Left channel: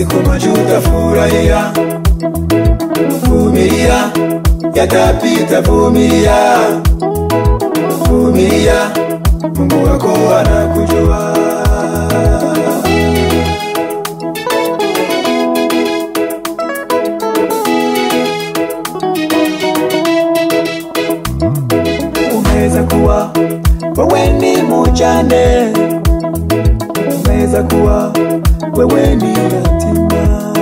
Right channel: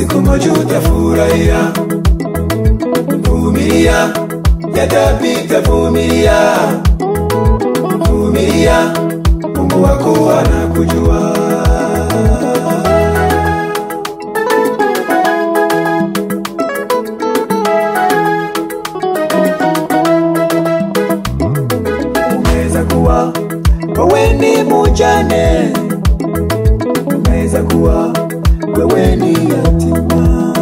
siku moja utafurahia. Vumilia, yatapita, vumilia. Vumilia, Mungu wako anakujua. Unaweza kuwa wewe ni mjane, unaweza kuwa wewe ni yatima,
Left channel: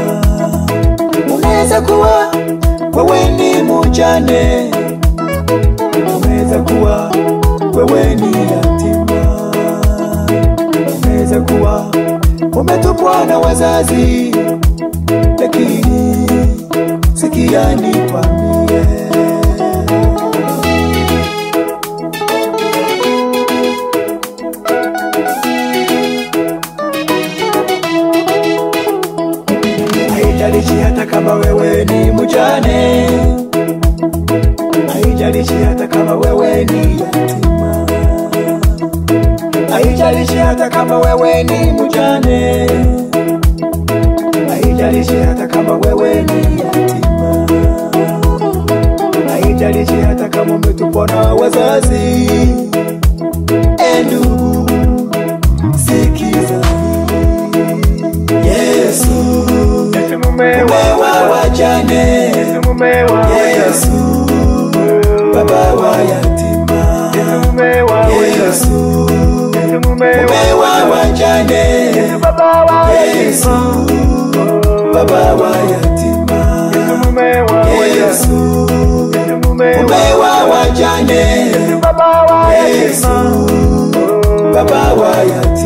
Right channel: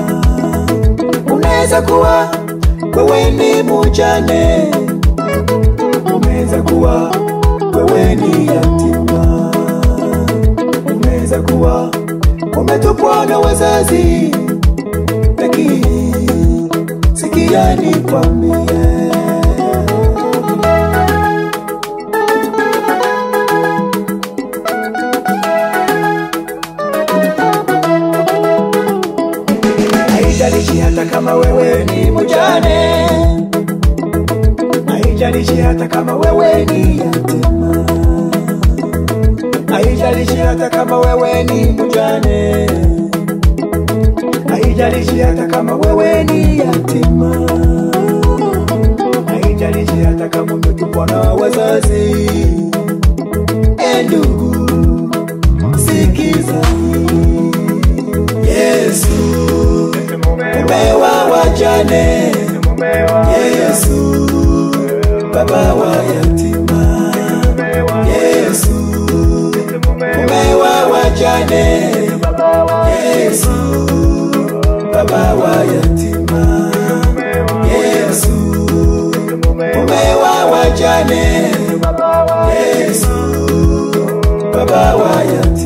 unaweza kuwa wewe ni mjane, unaweza kuwa wewe ni yatima, unaweza kuwa umetupwa na wazazi, lakini sikia nikwambie, haijalishi hata kama wewe ni mjane, haijalishi hata kama wewe ni yatima, haijalishi hata kama wewe ni mjane, haijalishi hata kama wewe ni yatima, haijalishi hata kama umetupwa na wazazi. Ndugu, sikiza, Yesu mume wa wajane, Yesu baba wa yatima, Yesu mume wa wajane, Yesu baba wa yatima, Yesu mume wa wajane, Yesu baba wa yatima.